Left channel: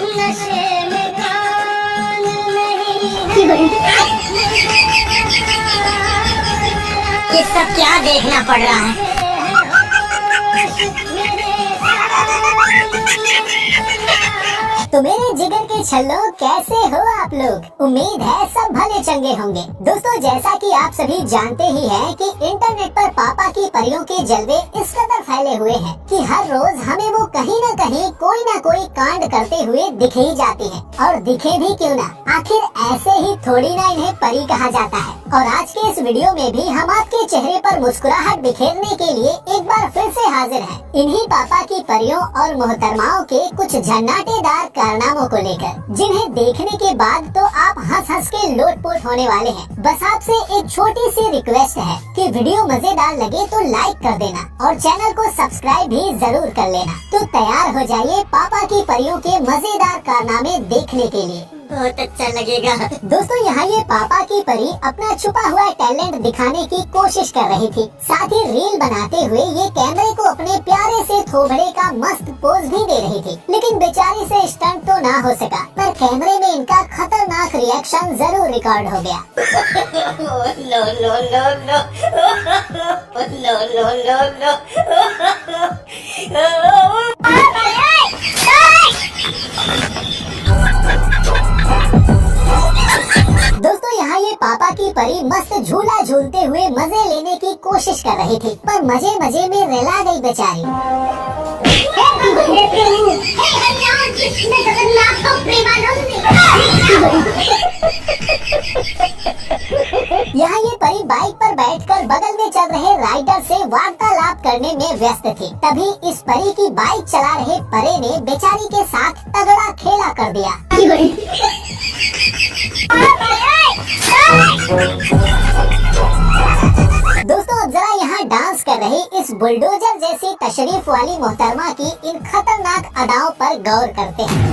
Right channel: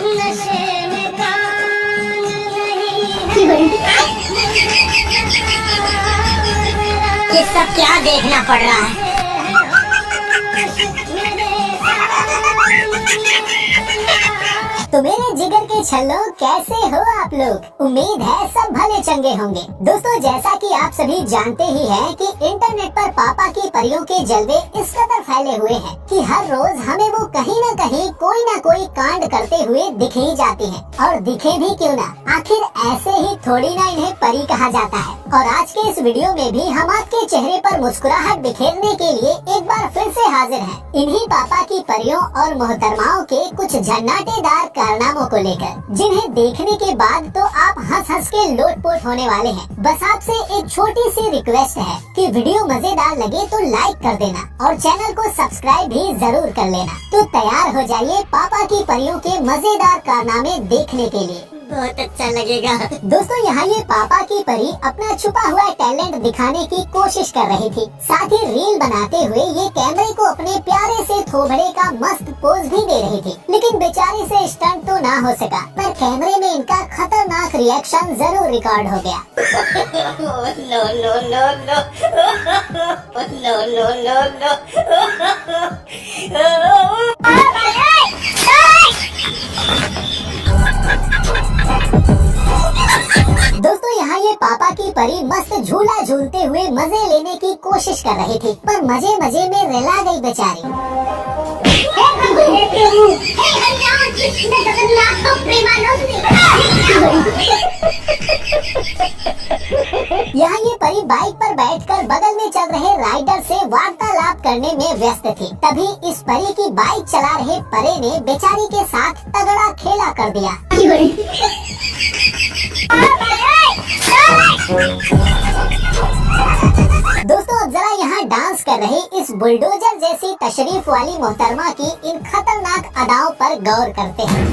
नशे में कान नहीं है। ये सब क्या देखना पड़ रहा है? तो मेरे जिगर के छल्लों, कैसे हो आप लोग? उम्मीद है सब भले चंगे होंगे। दोस्तों, जैसा कि आप सभी जानते ही हैं कि इंटरनेट पर पापा की परियों के जलवे इस कदर फैले हुए हैं कि हर रोज हमें वो कहीं न कहीं कोई न कोई कांड करते हुए दिख ही जाती हैं। और दिखे भी क्यों ना, आखिर ऐसे ही थोड़ी ना इन्हें परी कहा जाता है। और आज के इस वीडियो में भी हम आपके चेहरे पर मुस्कुराहट बिखेरने के लिए एक बार फिर से हाजिर हैं। इन्हीं पापा की परियों और मोहतरमाओं के कुछ झन्नाटेदार कारनामों को लेकर, जिन्हें देखने के बाद तो आप हंस हंस के लोटपोट होने वाले हैं। बस आपसे एक छोटी सी रिक्वेस्ट है कि वीडियो मजेदार लगे तो लाइक कर देना और चैनल को सब्सक्राइब भी जरूर कर लेना। तो तैयार हो जाइए पापा की परियों के मजेदार कारनामे देखने के लिए। बहुत अच्छा लगेगा। दोस्तों, यहाँ ये पापा की परी अपना छुपा हुआ टैलेंट दिखाने की कोशिश कर रही थी। साथ ही रील बनाते हुए ये कैमरे को अपने प्यारे से थोबड़े का मस्त पोज भी दे रही थी। लेकिन बेचारी से स्टंट तो ना हो सका, पर कैमरे में इनका खतरनाक रिएक्शन जरूर रिकॉर्ड हो गया। No no no no no no no दोस्तों, यहाँ ये पापा की परी मस्त झूला झूलते हुए मजे लेने की कोशिश कर रही थी, पर मजे मजे में रिला गई बेचारी। यहाँ ये परी बाइक पर बैठकर बगल में चल रहे राइडर से वार्तालाप करने में व्यस्त थी। तभी इस परी की बाइक चला रहे परे ने बेचारी के साथ तगड़ा खेला कर दिया। दोस्तों, अब जरा यहाँ डांस कर रही इस बुलडोजर जैसी तशरीफ वाली मोहतरमा की इन खतरनाक अदाओं पर गौर करते हैं।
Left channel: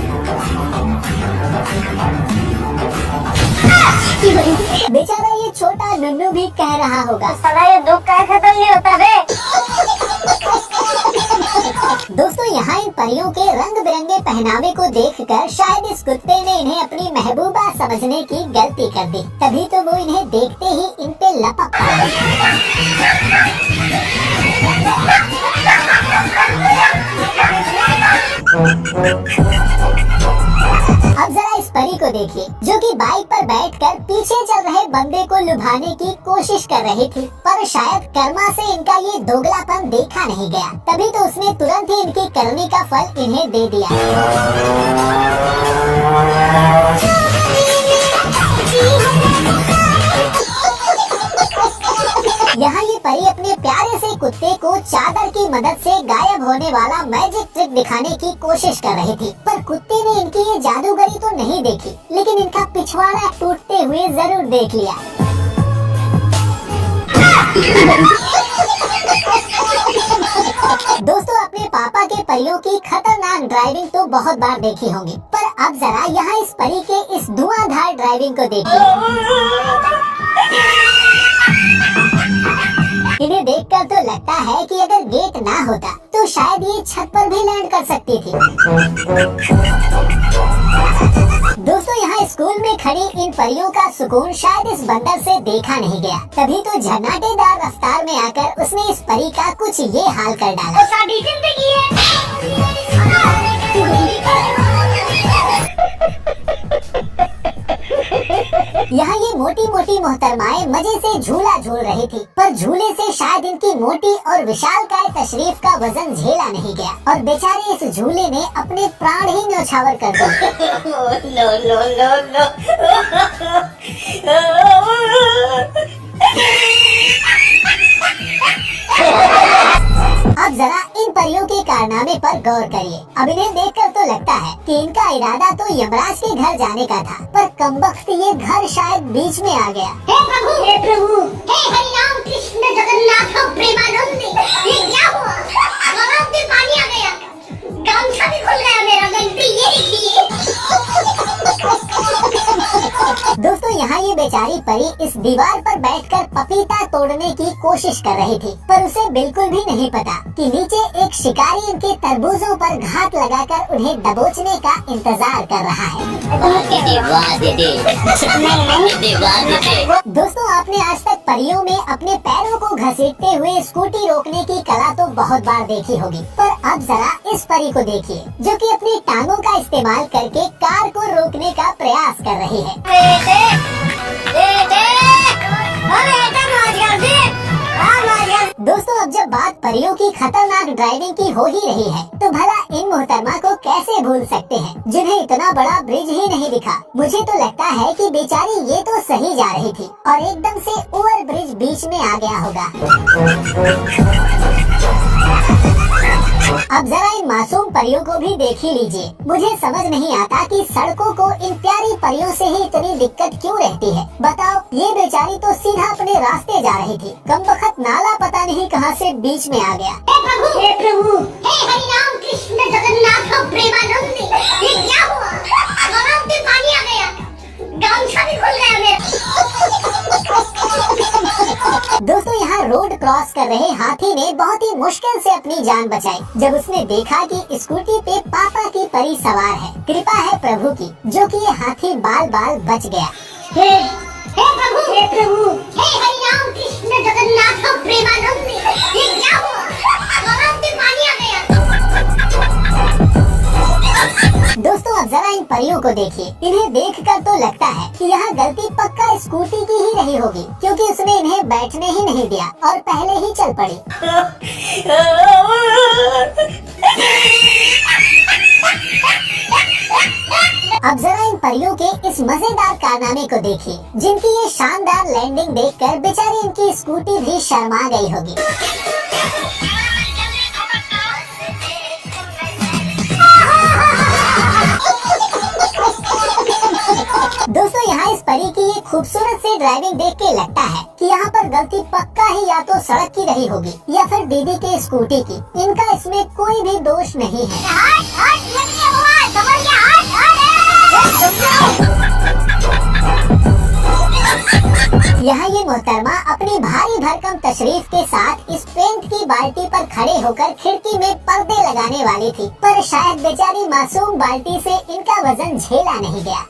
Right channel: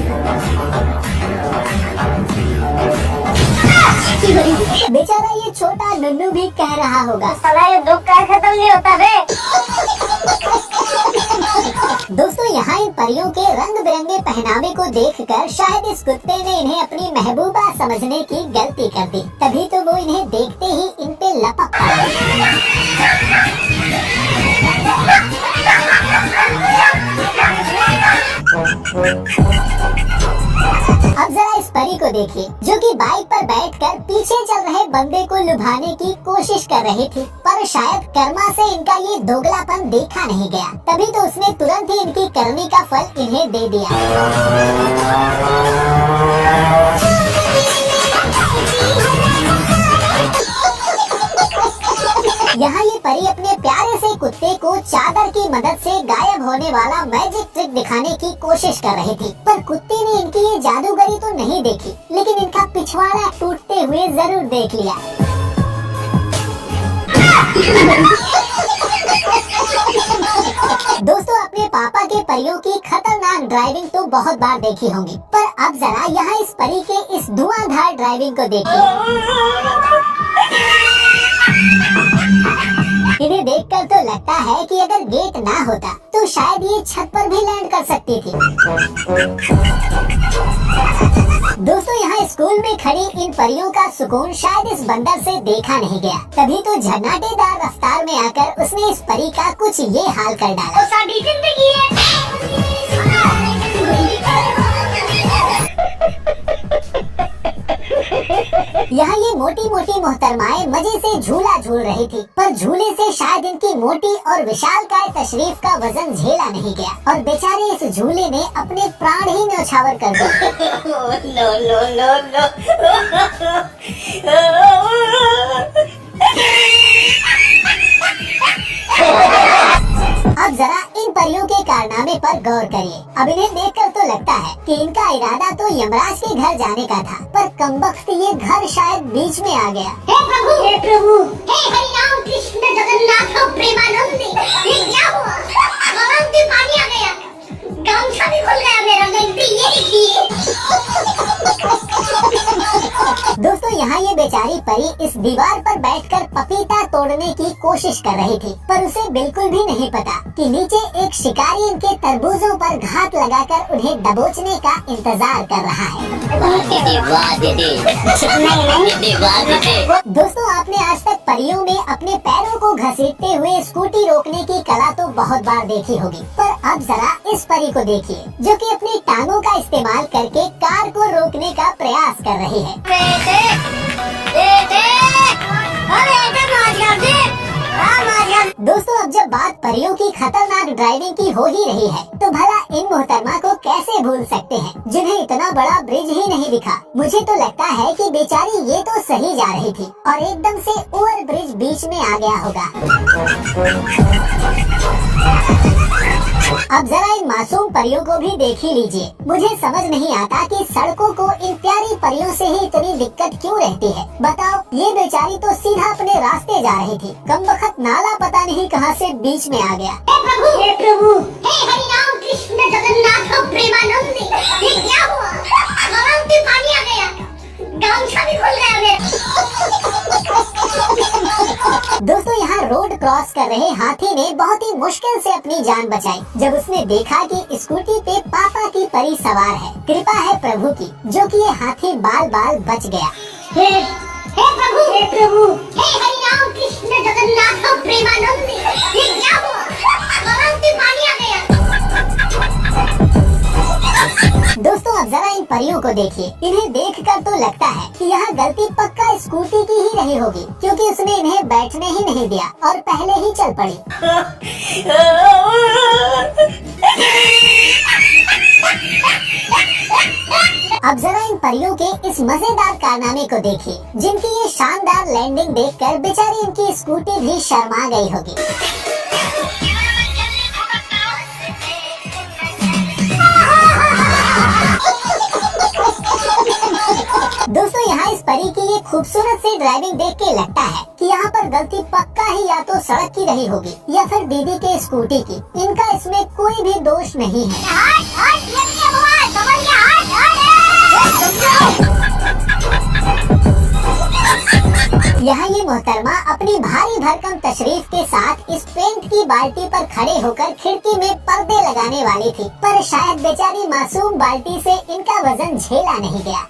बेचारा ये छोटा नुन्नू भी कह रहा होगा, साला ये दुख का खत्म नहीं होता बे। दोस्तों, यहाँ इन परियों के रंग बिरंगे पहनावे को देखकर शायद इस कुत्ते ने इन्हें अपनी महबूबा समझने की गलती कर दी। तभी तो वो इन्हें देखते ही इन पे लपक पड़ा। अब जरा इस परी को देखिए, जो कि बाइक पर बैठकर पीछे चल रहे बंदे को लुभाने की कोशिश कर रही थी, पर शायद कर्मा से इनका ये दोगलापन देखा नहीं गया। तभी तो उसने तुरंत ही इनकी करनी का फल इन्हें दे दिया। यहाँ ये परी अपने प्यारे से कुत्ते को चादर की मदद से गायब होने वाला मैजिक ट्रिक दिखाने की कोशिश कर रही थी, पर कुत्ते ने इनकी ये जादूगरी तो नहीं देखी, लेकिन इनका पिछवाड़ा टूटते हुए जरूर देख लिया। दोस्तों, अपने पापा के परियों की खतरनाक ड्राइविंग तो बहुत बार देखी होंगी, पर अब जरा यहाँ इस परी के इस धुआंधार ड्राइविंग को देखिए। इन्हें देखकर तो लगता है कि अगर गेट ना होता तो शायद ये छत पर भी लैंड कर सकती थी। दोस्तों, यहाँ स्कूल में खड़ी इन परियों का सुकून शायद इस बंदर से देखा नहीं गया। तभी तो झन्नाटेदार रफ्तार में आकर उसने इस परी का कुछ ये हाल कर डाला। यहाँ ये मोटी मोटी मोहतरमाएं मजे से झूला झूल रही थी, पर झूले से शायद इनकी मोटी और विशालकाय तशरीफ का वजन झेला नहीं गया और बेचारे इस झूले ने अपने प्राण ही न्यौछावर कर दिए। नो नो नो नो अब जरा इन परियों के कारनामे पर गौर करिए। अब इन्हें देखकर तो लगता है कि इनका इरादा तो यमराज के घर जाने का था, पर कमबख्त ये घर शायद बीच में आ गया। हे प्रभु, हे प्रभु, हे हरि राम कृष्ण जगन्नाथ प्रेमानंद, ये क्या हुआ? आवाज में पानी आ गया, गामछा भी खुल गया मेरा, गलती ये देखिए। दोस्तों यहाँ ये बेचारी परी इस दीवार पर बैठकर पपीता तोड़ने की कोशिश कर रही थी, पर उसे बिल्कुल भी नहीं पता कि नीचे एक शिकारी इनके तरबूजों पर घात लगाकर उन्हें दबोचने का इंतजार कर रहा है। दोस्तों आपने आज तक परियों में अपने पैरों को घसीटते हुए स्कूटी रोकने की कला तो बहुत बार देखी होगी, पर अब जरा इस परी को देखिए जो कि अपनी टांगों का इस्तेमाल करके कार को रोकने का प्रयास कर रही है। दोस्तों अब जब बात परियों की खतरनाक ड्राइविंग की हो ही रही है, तो भला इन मोहतरमा को कैसे भूल सकते हैं जिन्हें इतना बड़ा ब्रिज ही नहीं दिखा। मुझे तो लगता है कि बेचारी ये तो सही जा रही थी और एकदम से ओवर ब्रिज बीच में आ गया होगा। अब जरा इन मासूम परियों को भी देख ही लीजिए। मुझे समझ नहीं आता कि सड़कों को इन प्यारी परियों से ही इतनी दिक्कत क्यों रहती है। बताओ, ये बेचारी तो सीधा अपने रास्ते जा रही थी, कमबख्त नाला पता नहीं कहां से बीच में आ गया। हे प्रभु, हे हरि राम कृष्ण जगन्नाथ प्रेमानंद, ये क्या हुआ? गलाव में पानी आ गया, गामछा भी खुल गया मेरा। दोस्तों यहाँ रोड क्रॉस कर रहे हाथी ने बहुत ही मुश्किल से अपनी जान बचाई जब उसने देखा कि स्कूटी पे पापा की परी सवार है। कृपा है प्रभु की जो कि ये हाथी बाल बाल बच गया। हे प्रभु, हे प्रभु, हे हरि राम कृष्ण जगन्नाथ प्रेमानंद, ये क्या हुआ? गलाव में पानी आ गया। दोस्तों अब जरा इन परियों को देखिए। इन्हें देखकर तो लगता है कि यहाँ गलती पक्का स्कूटी की ही रही होगी, क्योंकि उसने इन्हें बैठने ही नहीं दिया और पहले ही चल पड़ी। अब जरा इन परियों के इस मजेदार कारनामे को देखिए, जिनकी ये शानदार लैंडिंग देखकर बेचारी इनकी स्कूटी भी शर्मा गई होगी। दोस्तों यहाँ इस परी की ये खूबसूरत सी ड्राइविंग देख के लगता है कि यहाँ पर गलती पक्का ही या तो सड़क की रही होगी या फिर दीदी के स्कूटी की। इनका इसमें कोई भी दोष नहीं है। यहाँ ये मोहतरमा अपनी भारी भरकम तशरीफ के साथ इस पेंट की बाल्टी पर खड़े होकर खिड़की में पर्दे लगाने वाली थी, पर शायद बेचारी मासूम बाल्टी से इनका वजन झेला नहीं गया।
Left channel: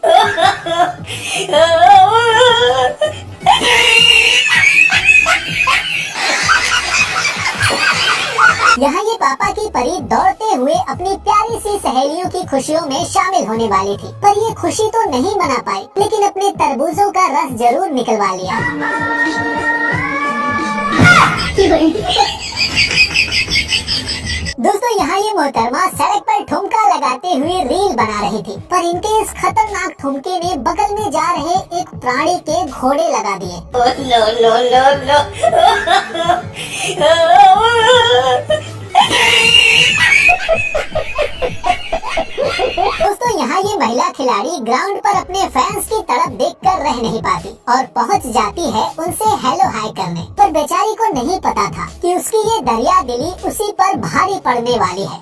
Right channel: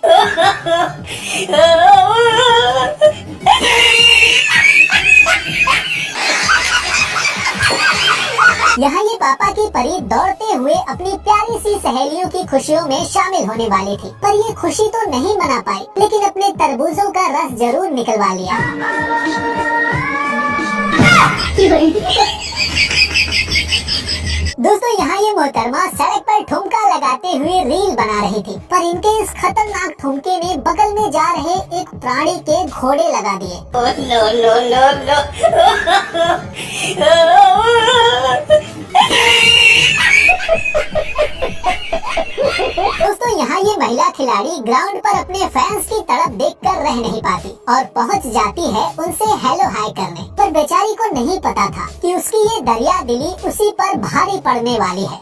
यहाँ ये पापा की परी दौड़ते हुए अपनी प्यारी सी सहेलियों की खुशियों में शामिल होने वाली थी, पर ये खुशी तो नहीं मना पाई, लेकिन अपने तरबूजों का रस जरूर निकलवा लिया। दोस्तों यहाँ ये मोहतरमा सड़क पर ठुमका लगाते हुए रील बना रही थी, पर इनके इस खतरनाक ठुमके ने बगल में जा रहे एक प्राणी के घोड़े लगा दिए। दोस्तों यहाँ ये महिला खिलाड़ी ग्राउंड पर अपने फैंस की तड़प देखकर रह नहीं पाती और पहुँच जाती है उनसे हेलो हाय करने, पर बेचारी को नहीं पता था कि उसकी ये दरिया दिली उसी पर भारी पड़ने वाली है।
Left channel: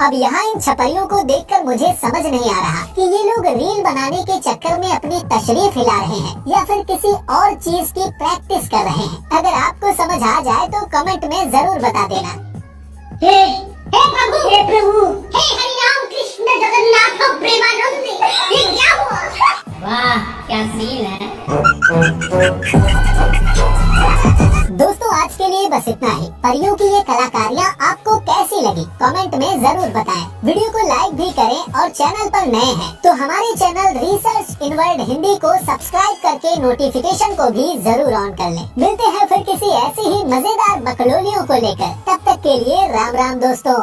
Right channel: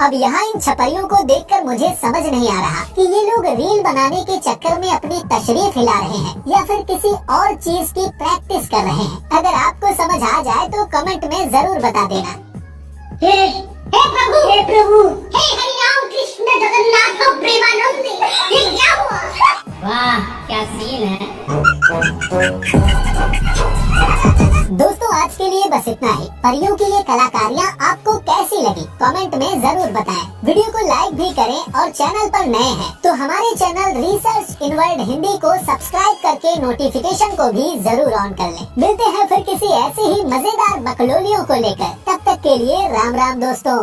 अब यहाँ इन छपरियों को देखकर मुझे समझ नहीं आ रहा कि ये लोग रील बनाने के चक्कर में अपनी तशरीफ हिला रहे हैं या फिर किसी और चीज की प्रैक्टिस कर रहे हैं। अगर आपको समझ आ जाए तो कमेंट में जरूर बता देना। हे प्रभु, हे प्रभु, हे हरि राम कृष्ण जगन्नाथ प्रेमानंद, ये क्या हुआ? वाह क्या सीन है। दोस्तों आज के लिए बस इतना ही। परियों की ये कलाकारियाँ आपको कैसी लगी कमेंट में जरूर बताएं। वीडियो को लाइक भी करें और चैनल पर नए हैं तो हमारे channel research in world Hindi को सब्सक्राइब करके नोटिफिकेशन को भी जरूर ऑन कर लें। मिलते हैं फिर किसी ऐसी ही मजेदार बकलोलियों को लेकर। तब तक के लिए राम राम दोस्तों।